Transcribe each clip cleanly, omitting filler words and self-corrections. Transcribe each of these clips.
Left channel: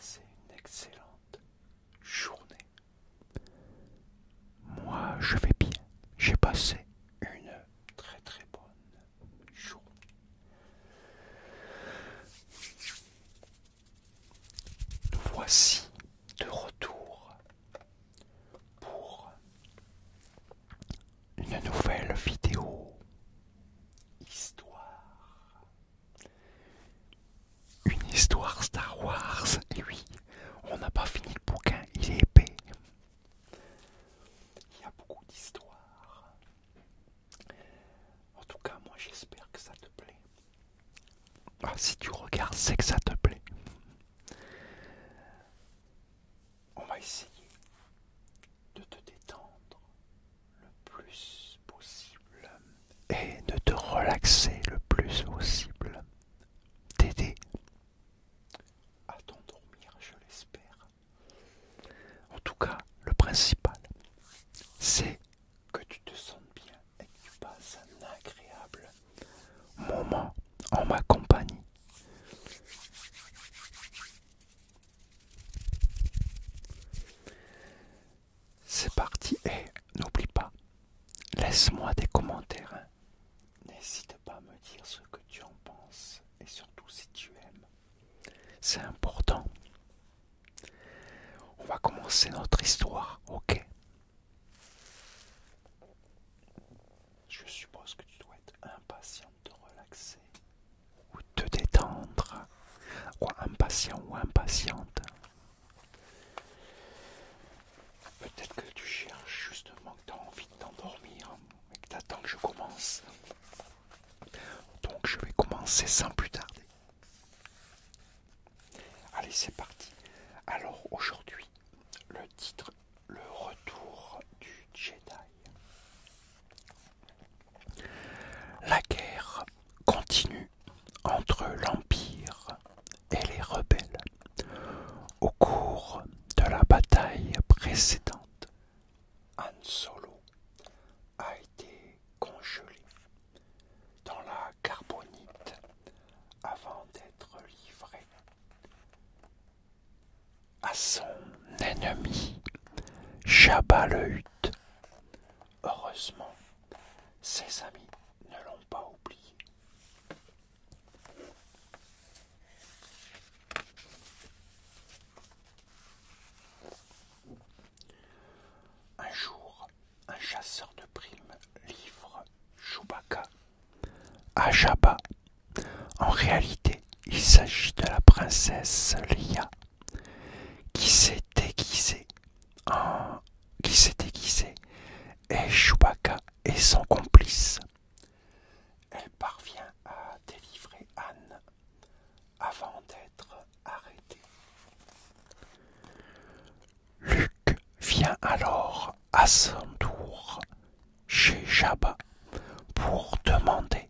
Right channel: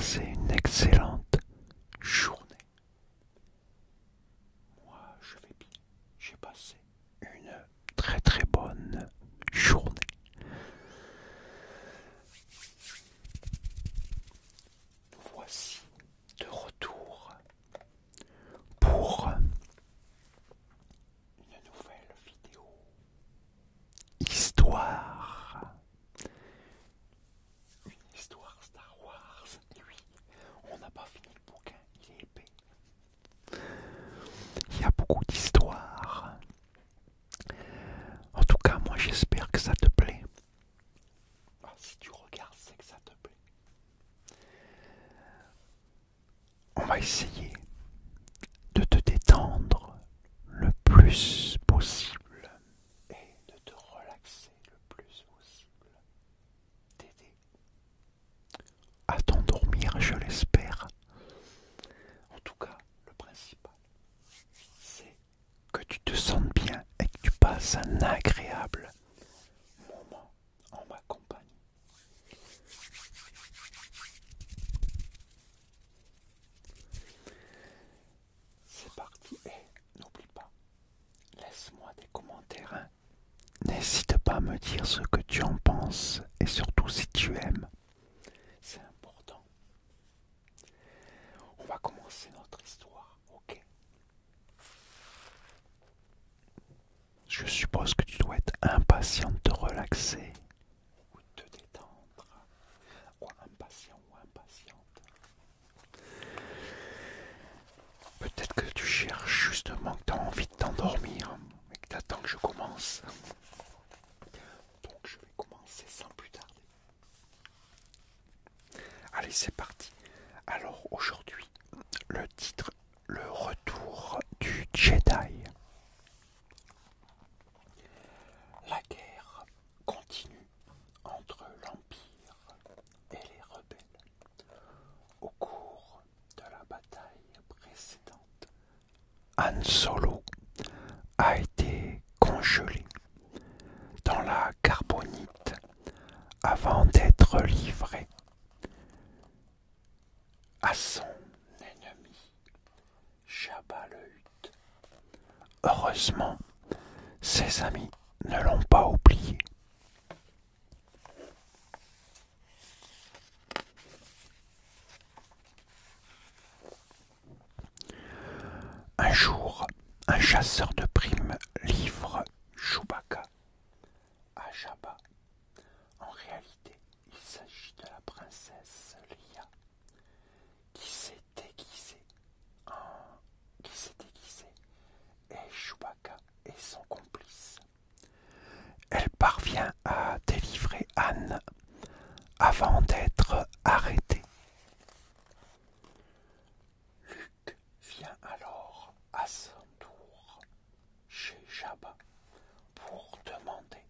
passé une excellente journée? Moi, je vais bien. J'ai passé une très très bonne journée. Nous voici de retour pour une nouvelle vidéo histoire. Une histoire Star Wars. Et oui, on n'a pas fini le bouquin, il est épais. Il y a beaucoup d'histoires. En tout cas, moi j'espère que ça te plaît. Ah, si tu regardes, c'est que ça te plaît. On va essayer de te détendre le plus possible et de te relaxer le plus possible. T'aider à t'endormir, je l'espère. En tout cas, le principal, c'est que tu te sentes bien et que tu passes un agréable moment en ma compagnie. C'est parti et n'oublie pas, laisse-moi des commentaires. Hein. N'hésite pas à me dire ce que tu en penses et surtout si tu aimes. C'est important. On va commencer notre histoire, ok? Je suppose que tu dois être impatient de te relaxer ou de te détendre. Quoi, impatient ou impatiente? Peut-être que tu cherches justement que tu as envie de t'endormir et que tu attends que je commence. Donc je vais commencer sans plus tarder. Allez, c'est parti. Alors aujourd'hui, le titre, le retour du Jedi. La guerre continue entre l'Empire et les rebelles. Au cours de la bataille précédente, Han Solo a été congelé dans la carbonite avant d'être livré à son ennemi Jabba le Hutt. Heureusement, ses amis ne l'ont pas oublié. Un jour, un chasseur de primes livre Chewbacca à Jabba. En réalité, il s'agit de la princesse Leia qui s'est déguisée et Chewbacca est son complice. Elle parvient à délivrer Anne avant d'être arrêtée. Luke vient alors à son tour chez Jabba pour demander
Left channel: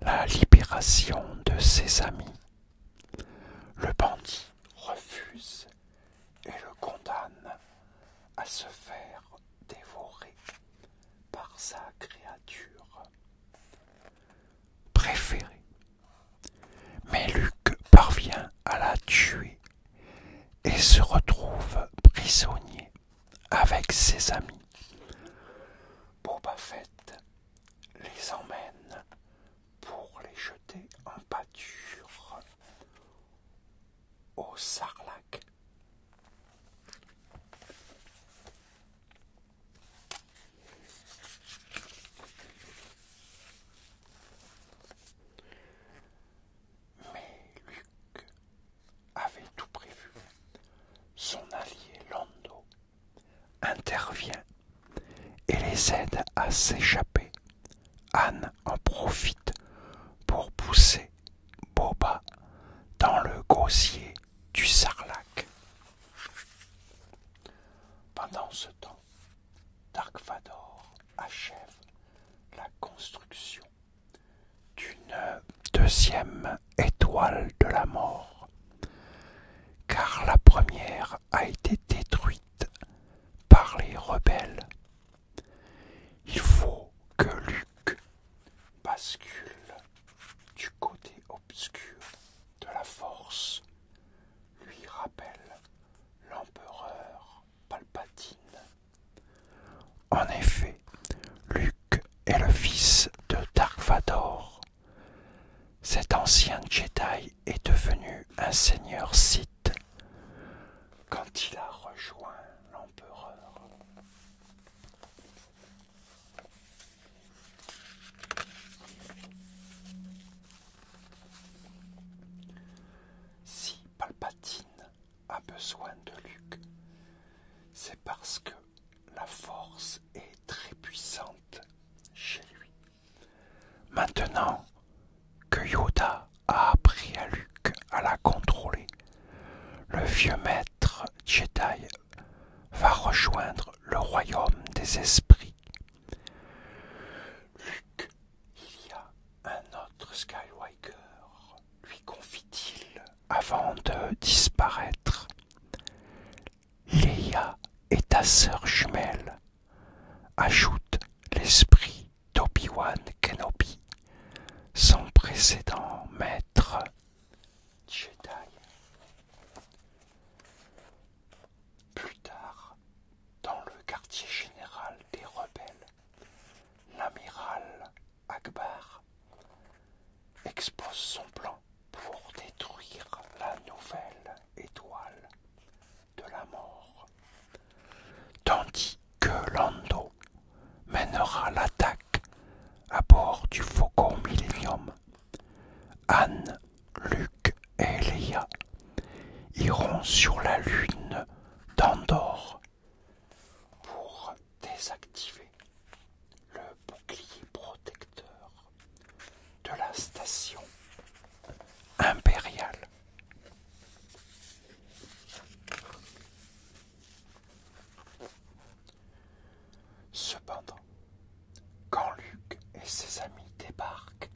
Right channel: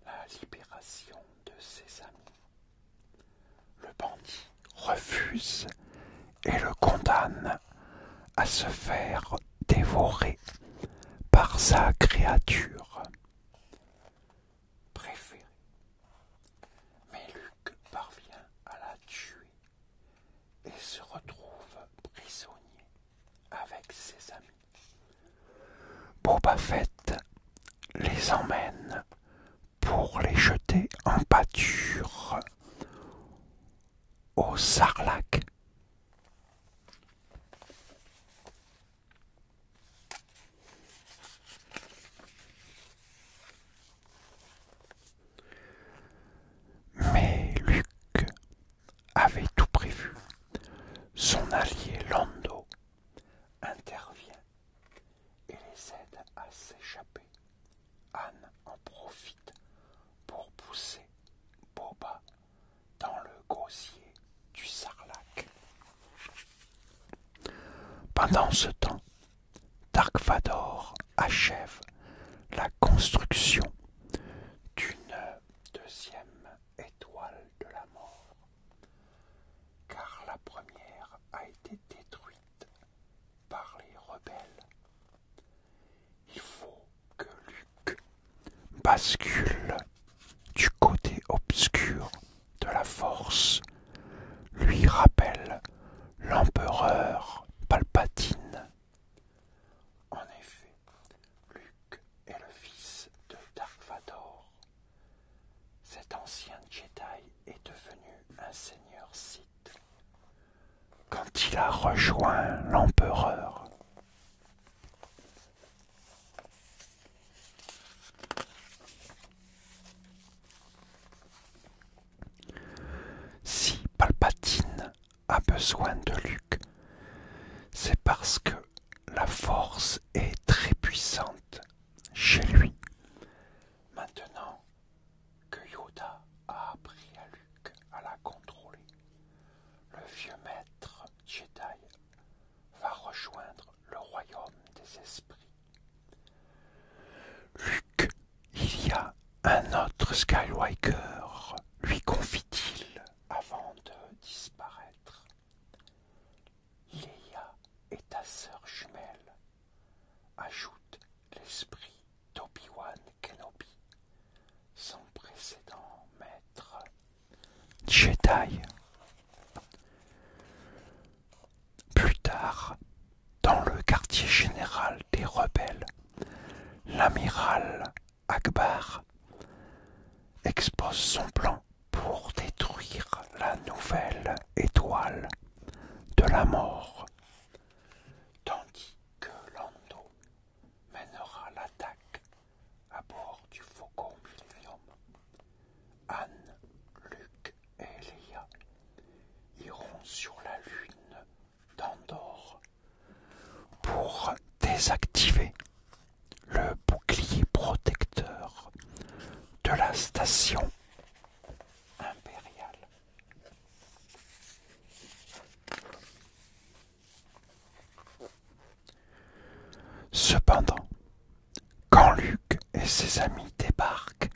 la libération de ses amis. Le bandit refuse et le condamne à se faire dévorer par sa créature préférée. Mais Luke parvient à la tuer et se retrouve prisonnier avec ses amis. Boba Fett les emmène pour les jeter en pâture au Sarlacc. Mais Luke avait tout prévu. Son allié Lando intervient et les aide à s'échapper. Han en profite pour pousser Boba dans le gosier du Sarlacc. Pendant ce temps, Dark Vador achève la construction d'une deuxième étoile de la mort, car la première a été détruite par les rebelles. Il faut que Luke bascule du côté obscur de la force, lui Cet ancien Jedi est devenu un seigneur Sith quand il a rejoint l'empereur. Si Palpatine a besoin de Luke, c'est parce que la force est très puissante chez lui. Maintenant que Yoda a appris à Luke à la contrôler, le vieux maître Jedi va rejoindre le royaume des esprits. Luke, il y a un autre Skywalker, lui confie-t-il avant de disparaître. Leia est ta sœur jumelle, ajoute l'esprit d'Obi-Wan Kenobi, son précédent maître Jedi. Plus tard, dans le quartier général des rebelles, l'amiral Akbar expose son plan pour détruire la nouvelle étoile de la mort, tandis que Lando mènera l'attaque à bord du Faucon Millenium. Han, Luke et Leia iront sur la lune d'Andorre pour désactiver le bouclier protecteur de la station impériale. Cependant, quand Luke et ses amis débarquent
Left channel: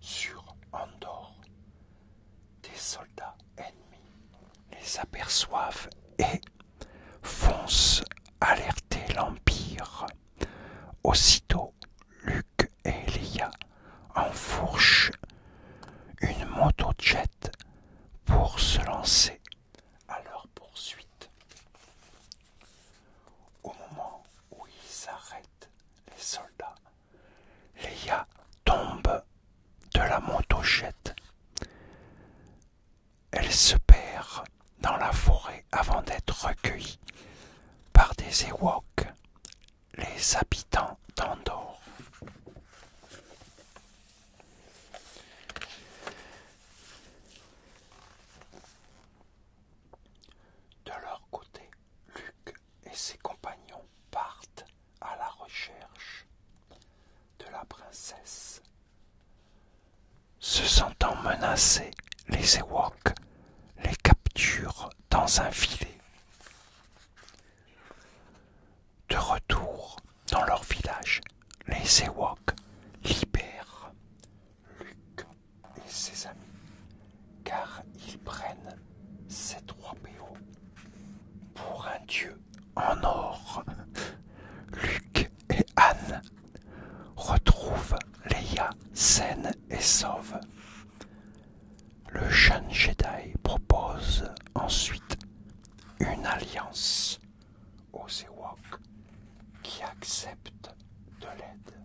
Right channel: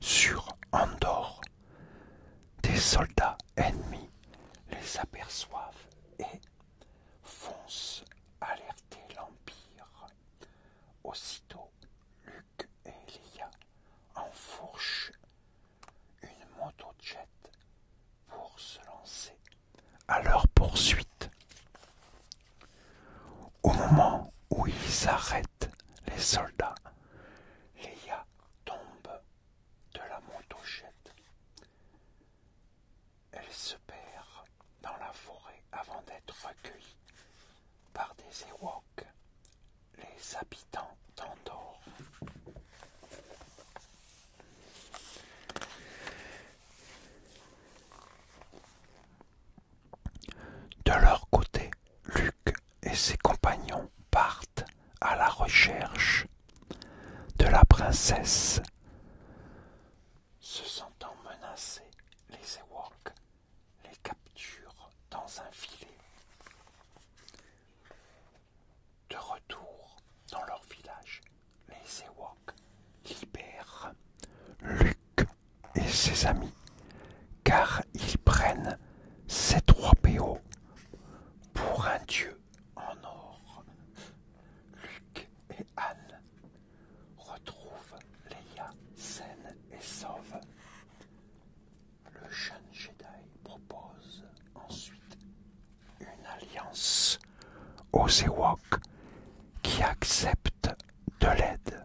sur Andorre, des soldats ennemis les aperçoivent et foncent alerter l'Empire. Aussitôt, Luke et Leia enfourchent une moto-jet pour se lancer à leur poursuite. Au moment où ils arrêtent les soldats, Leia tombe de la moto-jet. Elle se perd dans la forêt avant d'être recueillie par des Ewoks, les habitants d'Andorre. De leur côté, Luke et ses compagnons partent à la recherche de la princesse. Se sentant menacés, les Ewoks les capturent dans un filet. De retour dans leur village, les Ewoks libèrent Luke et ses amis, car ils prennent C-3PO pour un dieu en or. Luke et Han retrouvent Leia saine et sauve. Le jeune Jedi propose ensuite une alliance aux Ewoks qui acceptent de l'aide.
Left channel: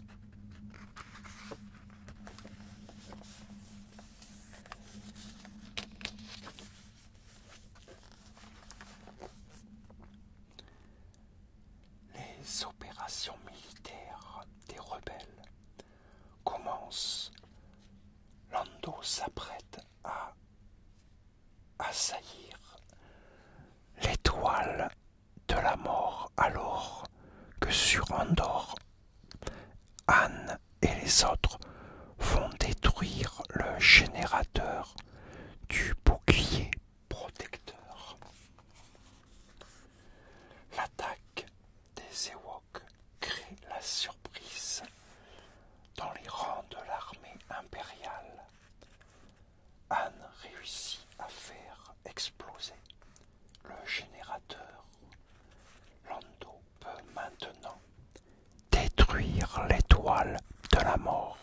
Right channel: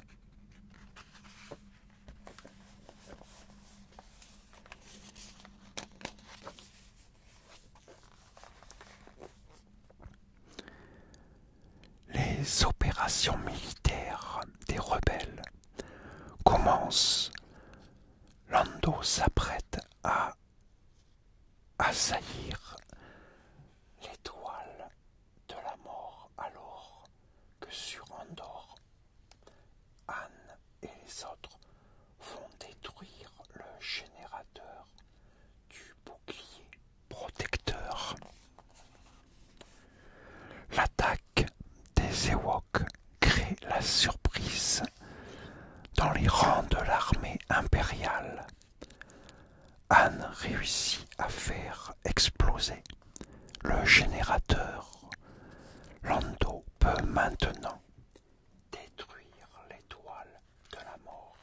Les opérations militaires des rebelles commencent. Lando s'apprête à assaillir l'étoile de la mort alors que sur Andorre, Han et les autres vont détruire le générateur du bouclier protecteur. L'attaque des Ewoks crée la surprise dans les rangs de l'armée impériale. Han réussit à faire exploser le générateur. Lando peut maintenant détruire l'étoile de la mort.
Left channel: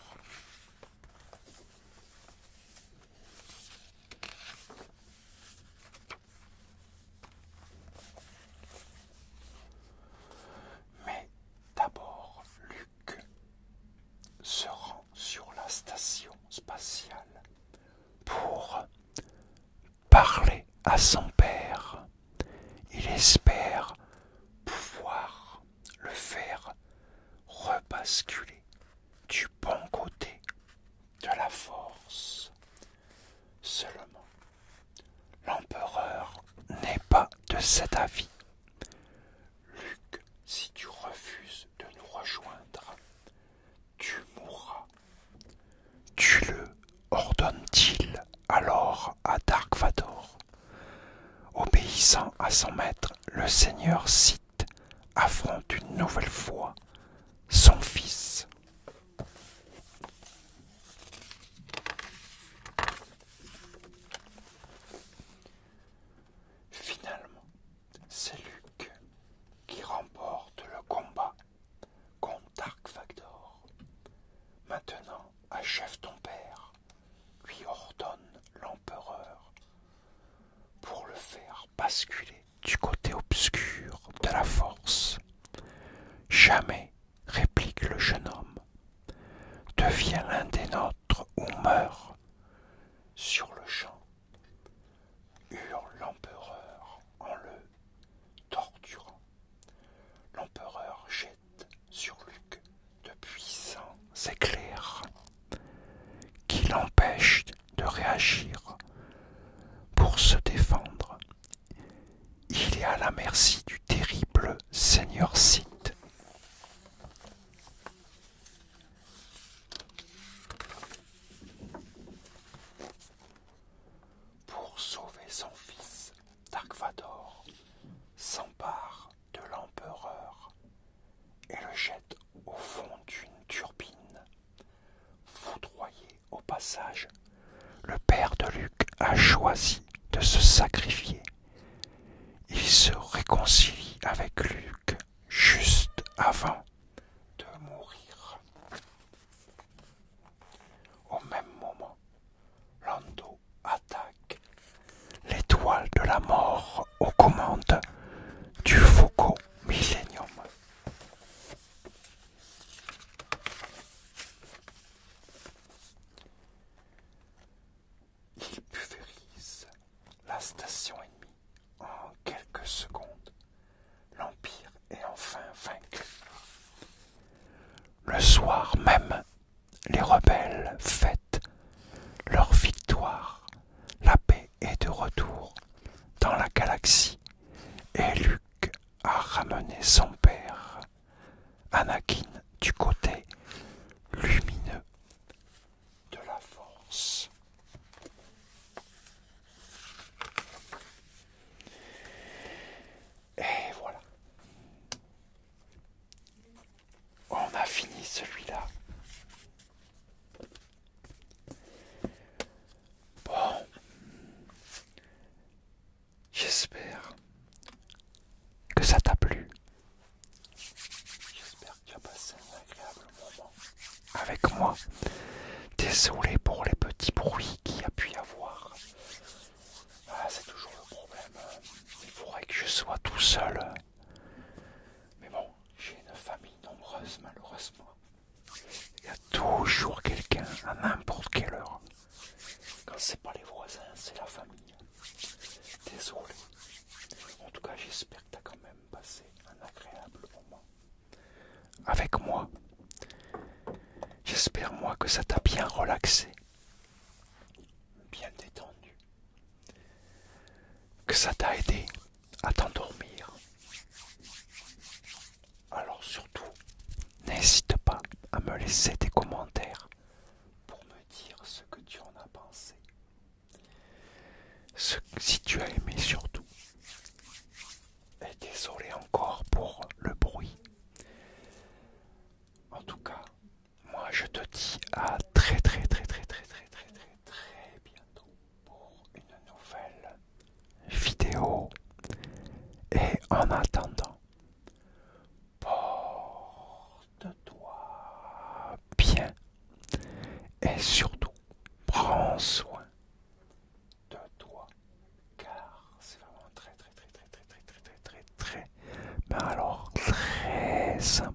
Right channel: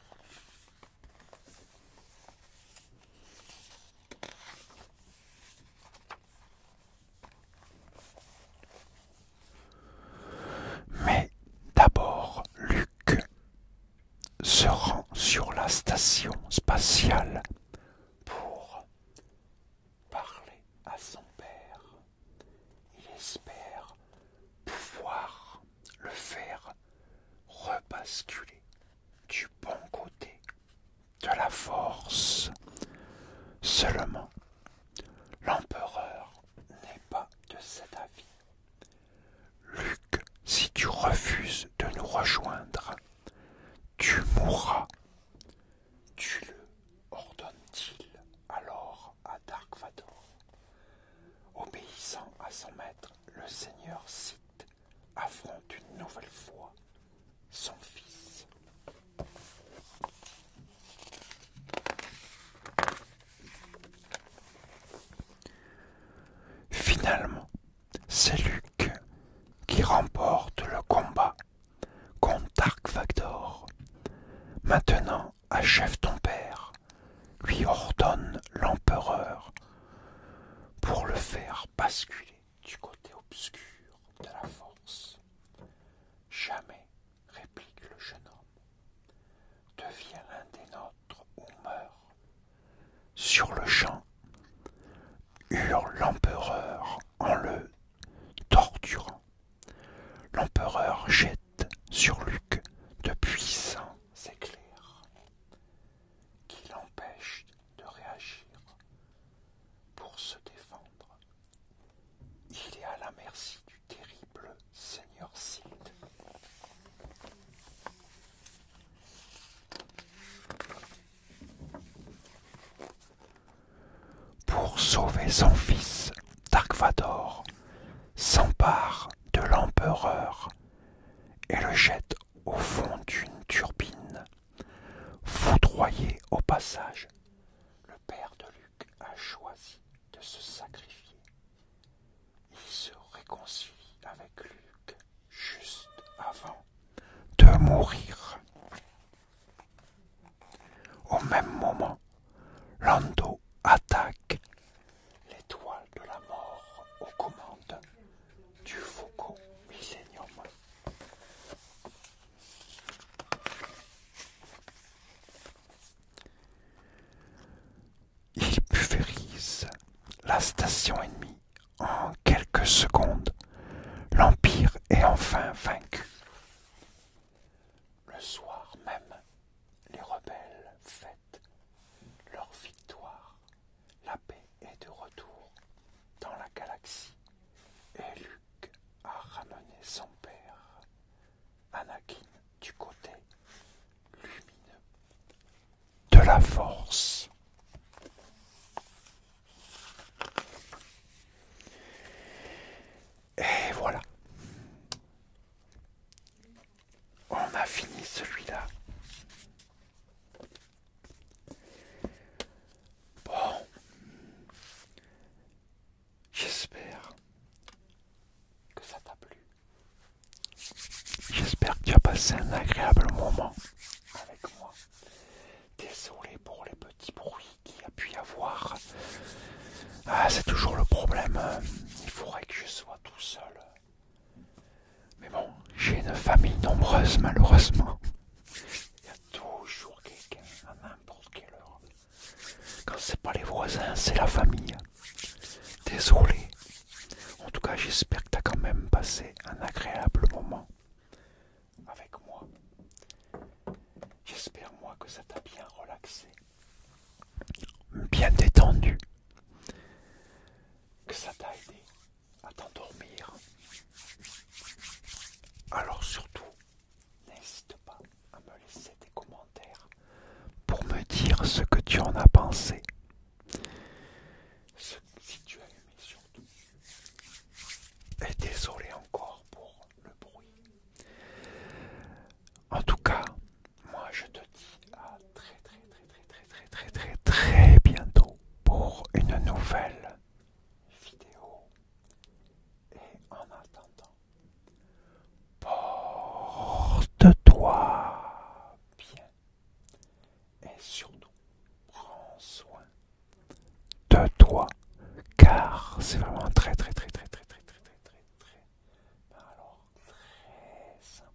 Mais d'abord, Luke se rend sur la station spatiale à son père. Il espère pouvoir le faire rebasculer du bon côté de la force. Seulement, l'empereur n'est pas de cet avis. Luc, si tu refuses de nous rejoindre, tu mourras. Tue-le, ordonne-t-il alors à Dark Vador. Obéissant à son maître, le seigneur Sith affronte une nouvelle fois son fils. Finalement, c'est Luke qui remporte le combat contre Dark Vador. Maintenant, achève ton père, lui ordonne l'empereur, pour le faire basculer du côté obscur de la force. Jamais, réplique le jeune homme, deviens l'un des nôtres ou meurs. Sur le champ, hurle l'empereur en le torturant. L'empereur jette sur Luke de puissants éclairs qui l'empêchent de réagir. Pour se défendre, il est à la merci du terrible seigneur Sith. Pour sauver son fils, Dark Vador s'empare de l'empereur et le jette au fond d'une turbine. Foudroyé au passage, le père de Luke a choisi de se sacrifier. Il se réconcilie avec Luke juste avant de mourir. Au même moment, Lando attaque l'étoile de la mort aux commandes du Faucon Millennium. Il pulvérise la station ennemie en quelques secondes. L'Empire est enfin vaincu. Le soir même, les rebelles fêtent leur victoire. La paix est de retour dans la galaxie et Luke a ramené son père, Anakin, du côté lumineux de la force. Et voilà. On a fini celui-là. Bon. J'espère que ça t'a plu. J'espère que tu as passé un agréable moment avec moi. Désolé pour les petits bruits qu'il y a pu y avoir. Ah, c'est toujours le problème. Il faudrait que je sois tout seul. Mais bon, j'ai une famille nombreuse malheureusement. Il y a toujours quelqu'un à n'importe quelle heure. Quand c'est pas les voisins, c'est la famille. Désolé. En tout cas, j'espère que tu as quand même passé un agréable moment avec moi. J'espère moi que ça t'a bien relaxé, bien détendu, que ça t'a aidé à t'endormir. Alors surtout, n'hésite pas à me laisser des commentaires pour me dire ce que tu en as pensé. Si tu as aimé surtout. Et désolé encore pour le bruit. En tout cas, moi je te dis à très bientôt pour une nouvelle vidéo. Et en attendant, porte-toi bien et surtout prends soin de toi car c'est vraiment très mais alors très important.